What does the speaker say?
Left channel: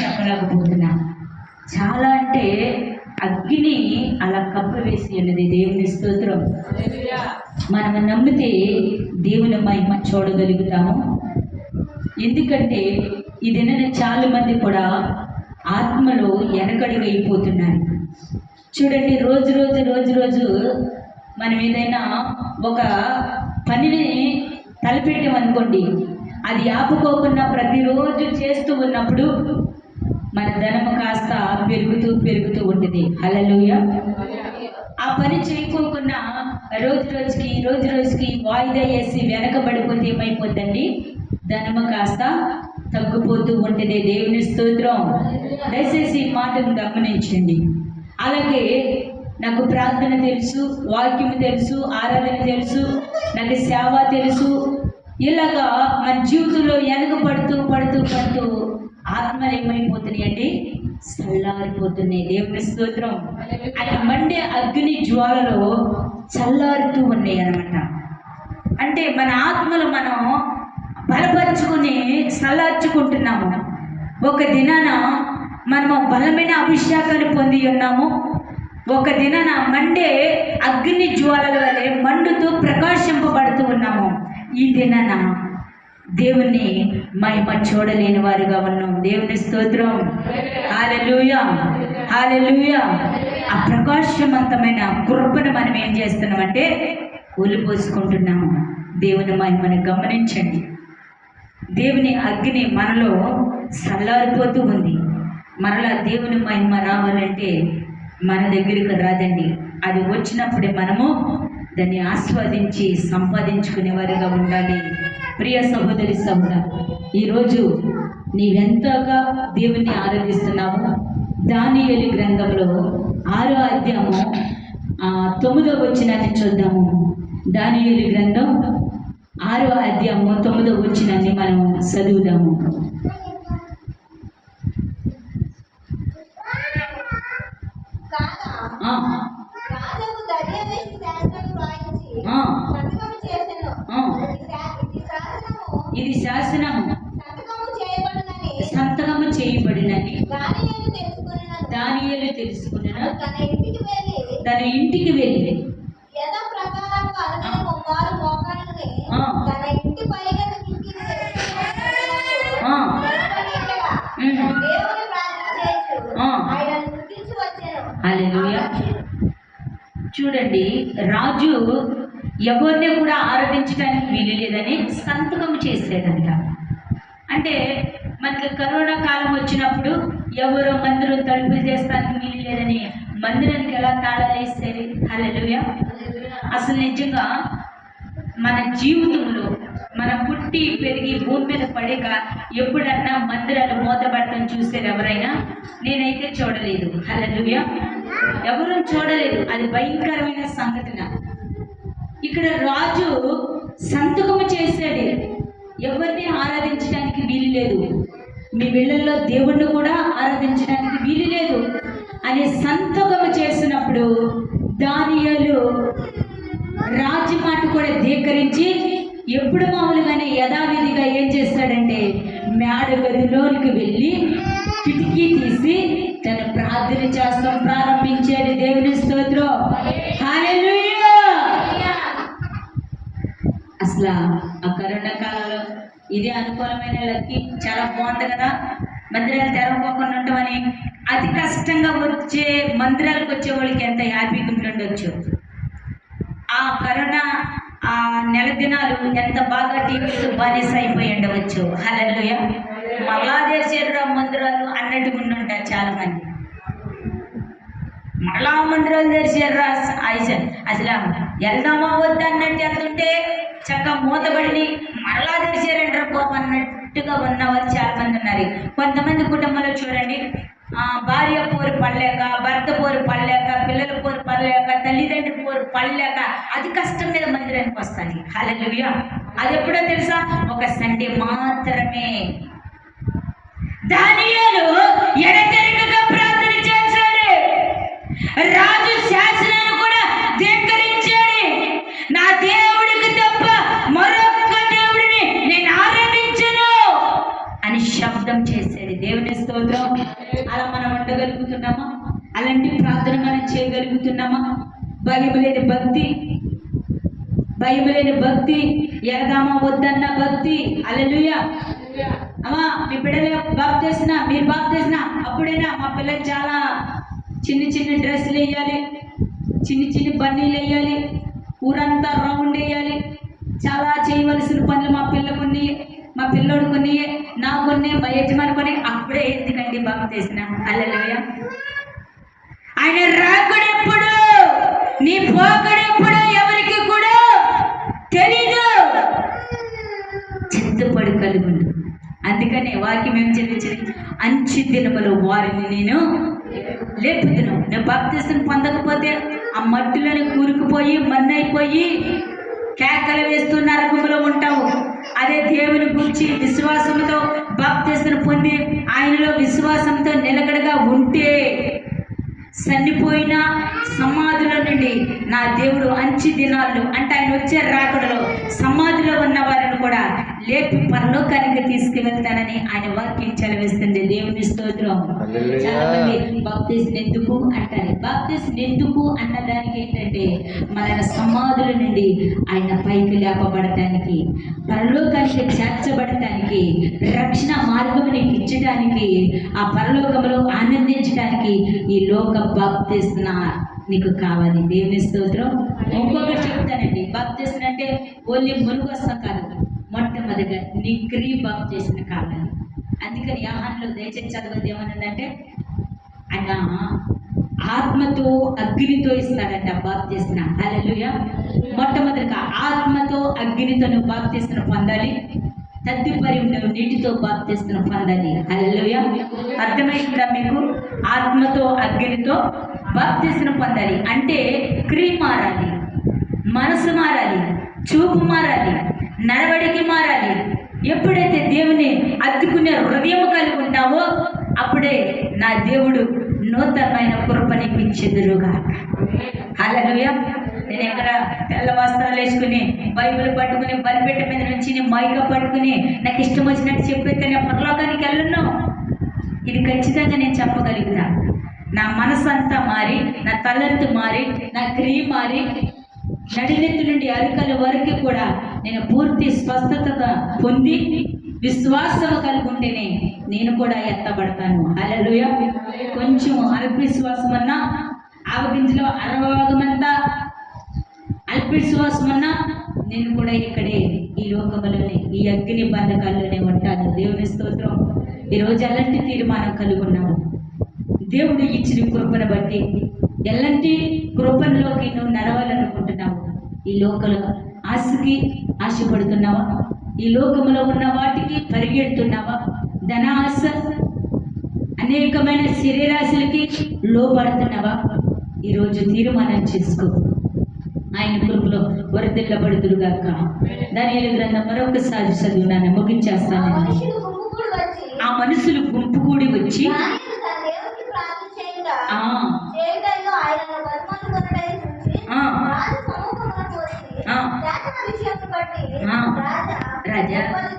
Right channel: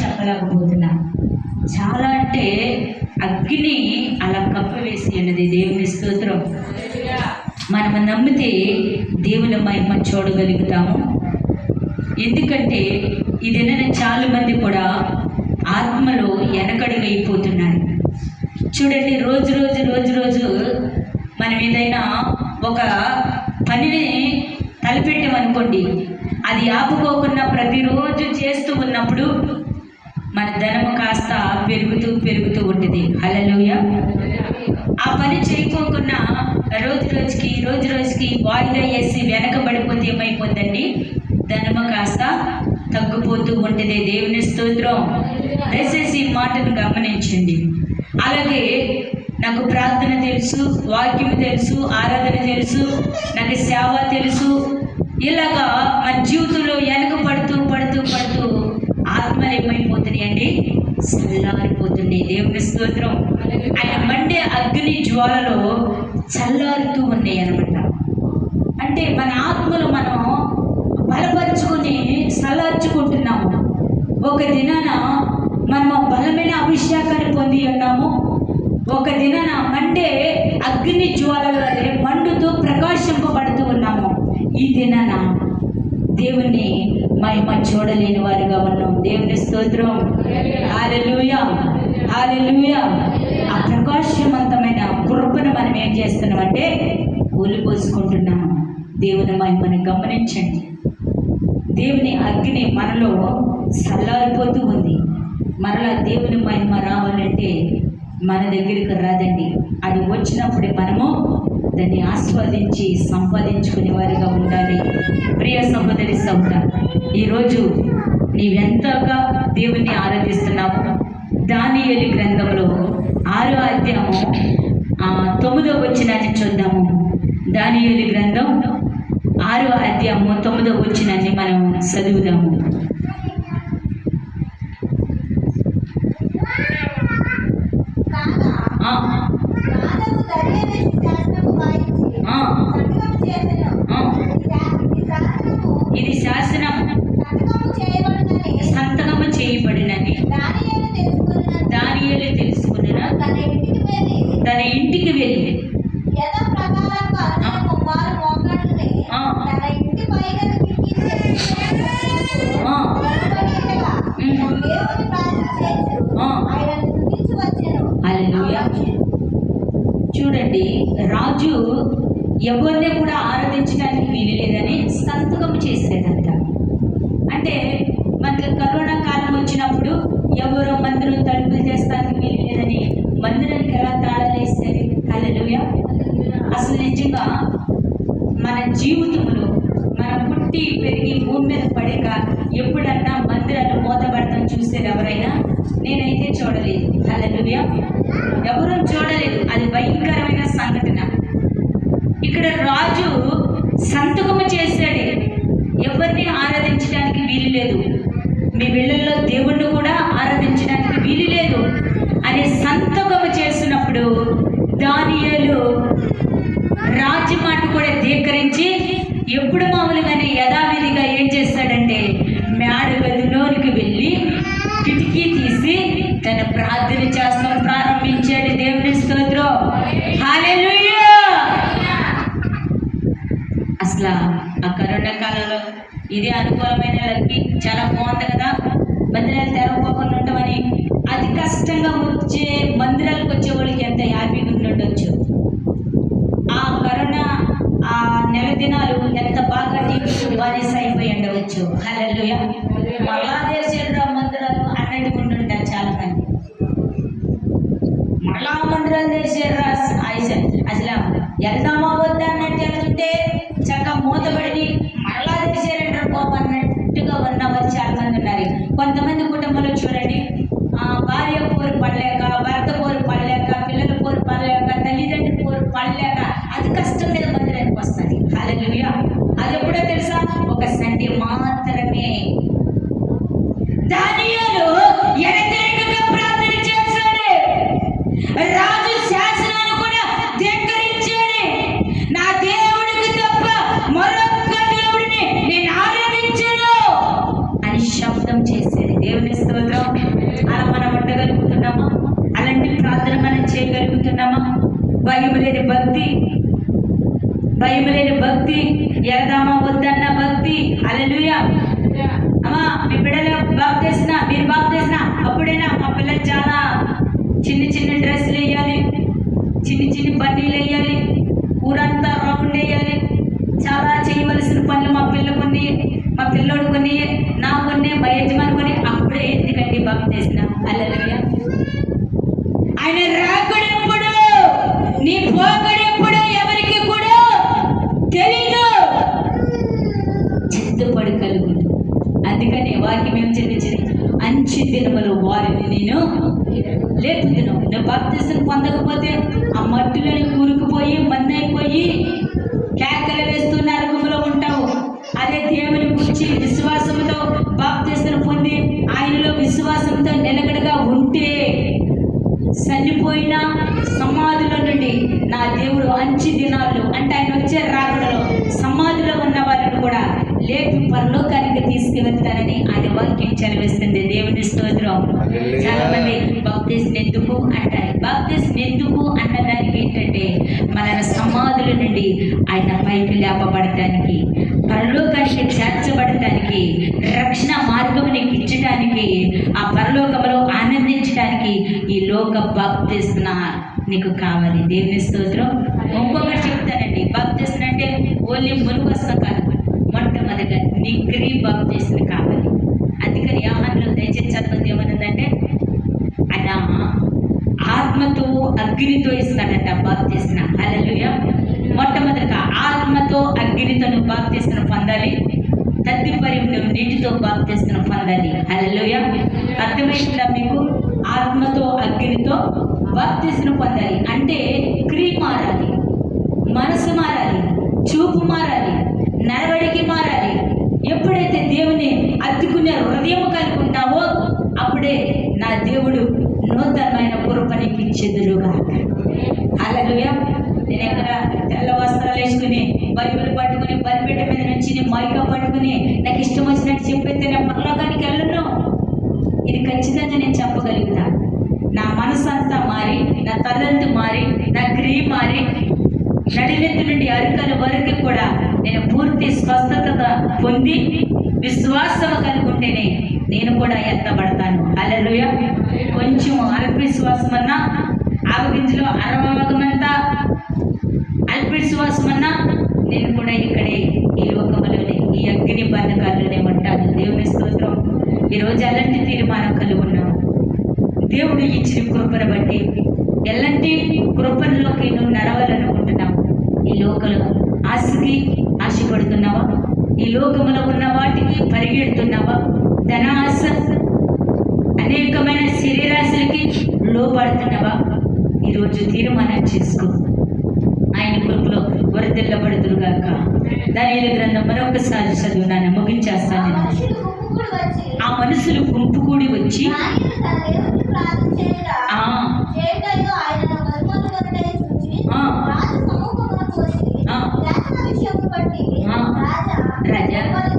చెప్పలేకపోతున్నా. చాలా అంటే అగ్ని అలా కప్పివేసి ఉన్నది. దేవుని స్తోత్రం. మనము నమ్మితే దేవుని మహిమ చూడగలుగుతాము. ఎందుకంటే ఇది చాలా మంది కూడా ఆత్మలో వెనకడుగైపోతున్నారు. చూడండి, రోజు మనం ఏదైనా ఒక పనిని తలపెట్టామనుకోండి, అది ఆపుకోకుండా ప్రతిరోజు చేస్తూ ఉన్నప్పుడు మన ధనము కాస్త పెరుగుతూ ఉంటుంది. హల్లెలూయా. ఆ పని చేయకోకుండా రోజు రోజుకి వాయిదా వేసి వెనకబడిపోతే ఏమైపోద్దండి? ధనము కాస్త తగ్గిపోతూ ఉంటుంది. దేవుని స్తోత్రం. దయచేసి ఈ మాటను గమనించండి. అలాగే నాకు ప్రార్థన తెలుసు, వాక్యం తెలుసు, ఆరాధన తెలుసు, నాకు సేవ తెలుసు, ఇలాగా మన జీవితంలో వెనక పడుతూ ఆత్మలు ఏమైపోతున్నాయి అండి? చల్లారిపోతున్నాయి. దేవుని స్తోత్రం. ఆయన మండే అగ్ని జ్వాలలో చల్లారుతూ ఉన్నాయి అన్నమాట. అంటే మన ఆత్మలు మనం బలపరుచుకొని చల్లార్చుకుంటున్నాము. ఒక దినాన మనము బలమైన అభిషేకాన్ని పొంది ఉన్నాము. ఒక దినాన మండే అగ్ని జ్వాలల వలె మండుతూ ప్రకాశింపబడుతూ ఉన్నాము. ఈ దినాన దేవుణ్ణి మహిమ చూడలేని వారిగా ఉన్నాం. దేవుని స్తోత్రం. హల్లెలూయా, హల్లెలూయా. ఆ ప్రకాశవంతమైన కృపను మనం ఏం చేస్తున్నామంటే కూలిపోసుకుంటున్నాము. దేవుని మహిమని గమనించండి. దేవుని అగ్ని మనలో చల్లారిపోతూ ఉంది. మరలా దేవుని మహిమ రావాలంటే మన దగ్గరికి రాదండి. అది వచ్చినప్పుడే మనము దాన్ని ఆస్వాదించి సంపాదించుకునే వారిగా ఉండాలి. ప్రియ సహోదరి సహోదర, ఈరోజు నీవెంతగా దేవుణ్ణి ఆరాధిస్తున్నావు? దానియేలు గ్రంథంలో 6వ అధ్యాయము 9వ వచనాన్ని చూద్దాము. దానియేలు గ్రంథం 6వ అధ్యాయము 9వ వచనాన్ని మనం చదువుదాము. ఇది శాసనం సంతకము చేయబడినది దానియేలు తెలుసుకున్న తన ఇంటికి వెళ్ళి హల్లెలూయా. చూడండి, రాజు ఎవరిని కూడా ఆరాధించడానికి వీలు లేదని సంతకం చేసేదంట. అంటే మనకి కరోనా కాలం వచ్చినప్పుడు ఎవరో మందిరం తలుపులు చేస్తానికి వీలు లేదని మందిరానికి ఎలా తాళాలు వేసేది? హల్లెలూయా. అసలు నిజంగా మన జీవితంలో మనం పుట్టి పెరిగి భూమి మీద పడేక ఎప్పుడన్నా మందిరాలు మూతపడతాం చూసేది ఎవరైనా? నేనైతే చూడలేదు. హల్లెలూయా. ఎవరూ చూడలేదు. అది భయంకరమైన సంఘటన. ఇక్కడ రాజు సంతకము చేశాడు, ఎవరిని ఆరాధించడానికి వీలు లేదు, మీ వీళ్ళల్లో దేవుణ్ణి కూడా ఆరాధించడానికి వీలు లేదు అనే సంతకము చేసినప్పుడు దానియేలు రాజు మాట కూడా ధీకరించి ఎప్పుడు మామూలుగానే యథావిధిగా ఏం చేస్తాడంటే మేడ గదిలోనికి వెళ్ళి కిటికీ తీసి తన ప్రార్థన చేస్తాం ప్రారంభించాడు. దేవుని స్తోత్రం. హల్లెలూయా. అసలు ఆ కరోనా కాలంలో ఇదే అనుకూలమైన లక్కి చాలా బాగుంది కదా, మందిరాలు తెరవకుండా ఉంటామని. అతి కష్టంగా వచ్చే మందిరాలకు వచ్చే వాళ్ళకి ఎంత హ్యాపీగా ఉండొచ్చు. ఆ కరోనా ఆ నెల దినాలు ఎంత బాగా టీవీస్ బానిస అయిపోయి ఉండవచ్చు. హల్లెలూయా. మళ్ళా తెరిచేరు మందిరాలు అన్నట్టుగా ఉండుంటారు చాలా మంది. మళ్ళా మందిరాలు తెరిచేర్రా అసలు వెళ్దామా వద్దా అన్నట్టు వెళ్తుంటే చక్కగా మూతబడిని మళ్ళా తెరిచారంటారు బాబు అన్నట్టుగా ఉన్నవారు చాలా మంది ఉన్నారు. కొంతమంది కుటుంబంలో చూడండి, భార్య పోరు పడలేక, భర్త పోరు పడలేక, పిల్లల పోరు పడలేక, తల్లిదండ్రుల పోరు పడలేక అతి కష్టం మీద మందిరానికి వస్తుంది. హల్లెలూయా. అది ఎప్పుడో తెలుసా? ఒక సండే మాత్రమే. దానియేలు ఎడతెగక ప్రార్థన చేశాడు. రాజు శాసనాన్ని కూడా ధిక్కరించాడు. నా దేవుడికి తప్ప మరొక్క దేవుడిని నేను ఆరాధించను అని శబ్దం చేశాడు. దేవుని స్తోత్రం. అలా మనం ఉండగలుగుతున్నామా? అలాంటి ప్రార్థన మనం చేయగలుగుతున్నామా? భయం లేని భక్తి, భయం లేని భక్తి, ఎడదామా వద్దన్న భక్తి. హల్లెలూయా. అమ్మా మీ బిడ్డలు బాప్తీసిన, మీరు బాప్తీసిన అప్పుడైనా మా పిల్లలు చాలా చిన్న చిన్న డ్రెస్సులు వేయాలి, చిన్న చిన్న బన్నీలు వేయాలి, ఊరంతా రౌండ్ వేయాలి, చాలా చేయవలసిన పనులు మా పిల్లోడు కొన్ని, నా కొన్ని, మా యజమాని కొన్ని. అప్పుడే ఎందుకండి బాప్తీసిన? హల్లెలూయా. ఆయన రాకుడెప్పుడు, నీ పోకడెప్పుడు ఎవరికి కూడా తెలీదు. చిత్తపడి కలుగును. అందుకనే వాక్యం ఏం చెప్పించింది? అంచె దినములు వారిని నేను లేపుతున్నాను. నువ్వు బాప్తీసం పొందకపోతే ఆ మట్టిలోని కూరుకుపోయి మన్నైపోయి కేకలు వేస్తూ నరకములో ఉంటావు. అదే దేవుని గురించి విశ్వాసంతో బాప్తీసం పొంది ఆయనలో విశ్వాసంతో నిలకడగా ఉంటే చనిపోయిన సమాధిలో నుండి నా దేవుడు అంచె దినాల్లో, అంటే ఆయన వచ్చే రాకడలో సమాధిలో ఉన్న వారిని కూడా లేపి పరలోకానికి తీసుకువెళ్తానని ఆయన వాక్యం చదివిస్తుంది. దేవుని స్తోత్రం. చాలా మంది బాప్తీసం ఎందుకు అంటారు. బాప్తీసం ఎందుకు అన్నదానికి ఏంటంటే మన సమాధుల నుండి ఆయన పైకి లేపబడటానికి, పరలోకానికి చేర్చబడటానికి, రక్షణ మార్గముని ఇచ్చటానికి, ఆ పరలోకములో ఆనందించడానికి ఈ లోక బాప్తీస్న నీకు కావాలి. దేవుని స్తోత్రం. ఇంకొకటి చెప్తానండి, బాప్తీస్న అంటే ఓన్లీ మునుగొస్తం కాదు, మొట్టమొదటిగా నిగ్రీ బాప్తీస్న కావాలి. అందుకని యోహానులో దయచేసి చదవద్దు ఏమన్నదంటే ఆయన ఆత్మతో అగ్నితో ఇస్తాడట బాప్తీస్న. హల్లెలూయా. మొట్టమొదటిగా ఆత్మతో అగ్నితో నువ్వు బాప్తీస్న పొందాలి. తదుపరి నువ్వు నీటితో బాప్తీస్న పొందాలి. హల్లెలూయా. అర్థమైందా మీకు? ఆత్మతో అగ్నితో బాప్తీస్న పొందాలి అంటే క్రియ మారాలి, మనసు మారాలి, చూపు మారాలి, నడవడికి మారాలి. ఎప్పుడైతే దేవుని అద్దుకునే హృదయం కలిగి ఉంటావో అప్పుడే నా దేవుడు నూతనమైన కృపనికి ఇచ్చెదరుగా. హల్లెలూయా. నేను ఎక్కడ తెల్ల వస్త్రాలు వేసుకుని బైబిల్ పట్టుకుని బలిపీఠ మీద నుంచి మైక పట్టుకుని నాకు ఇష్టం వచ్చినట్టు చెప్పేస్తే నేను పరలోకానికి వెళ్ళను. ఇది ఖచ్చితంగా నేను చెప్పగలుగుతా. నా మనసు అంతా మారి, నా తలంతు మారి, నా క్రియ మారి, నడినెత్తి నుండి అరికల వరకు కూడా నేను పూర్తి స్వస్థత పొంది విశ్వాసం కలిగి ఉంటేనే నేను కూడా ఎత్తబడతాను. హల్లెలూయా. కొంచెం అల్ప విశ్వాసం అన్నా, ఆవగింజలో 60 భాగమంతా అల్ప విశ్వాసం అన్నా నేను కూడా ఇక్కడే ఈ లోకంలోనే ఈ అగ్ని బంధకాల్లోనే ఉంటాను. దేవుని స్తోత్రం. ఈరోజు అలాంటి తీర్మానం కలిగి ఉన్నాము. దేవుడు ఇచ్చిన కృపను బట్టి ఎలాంటి కృపణలోకి నువ్వు నడవాలనుకుంటున్నావు? ఈ లోకలు ఆశకి ఆశపడుతున్నావా? ఈ లోకములో ఉన్న వాటికి పరిగెడుతున్నావా? ధన ఆశ, అనేకమైన శరీరాశలకి లోపడుతున్నావా? ఈరోజు తీర్మానం చేసుకో. ఆయన కృపలో వరదెల్లబడుదురుగాక. దానియేలు గ్రంథం మరొకసారి చదువునాను, ముగించేస్తాను. ఆ మనుషులు గుంపు కూడి వచ్చి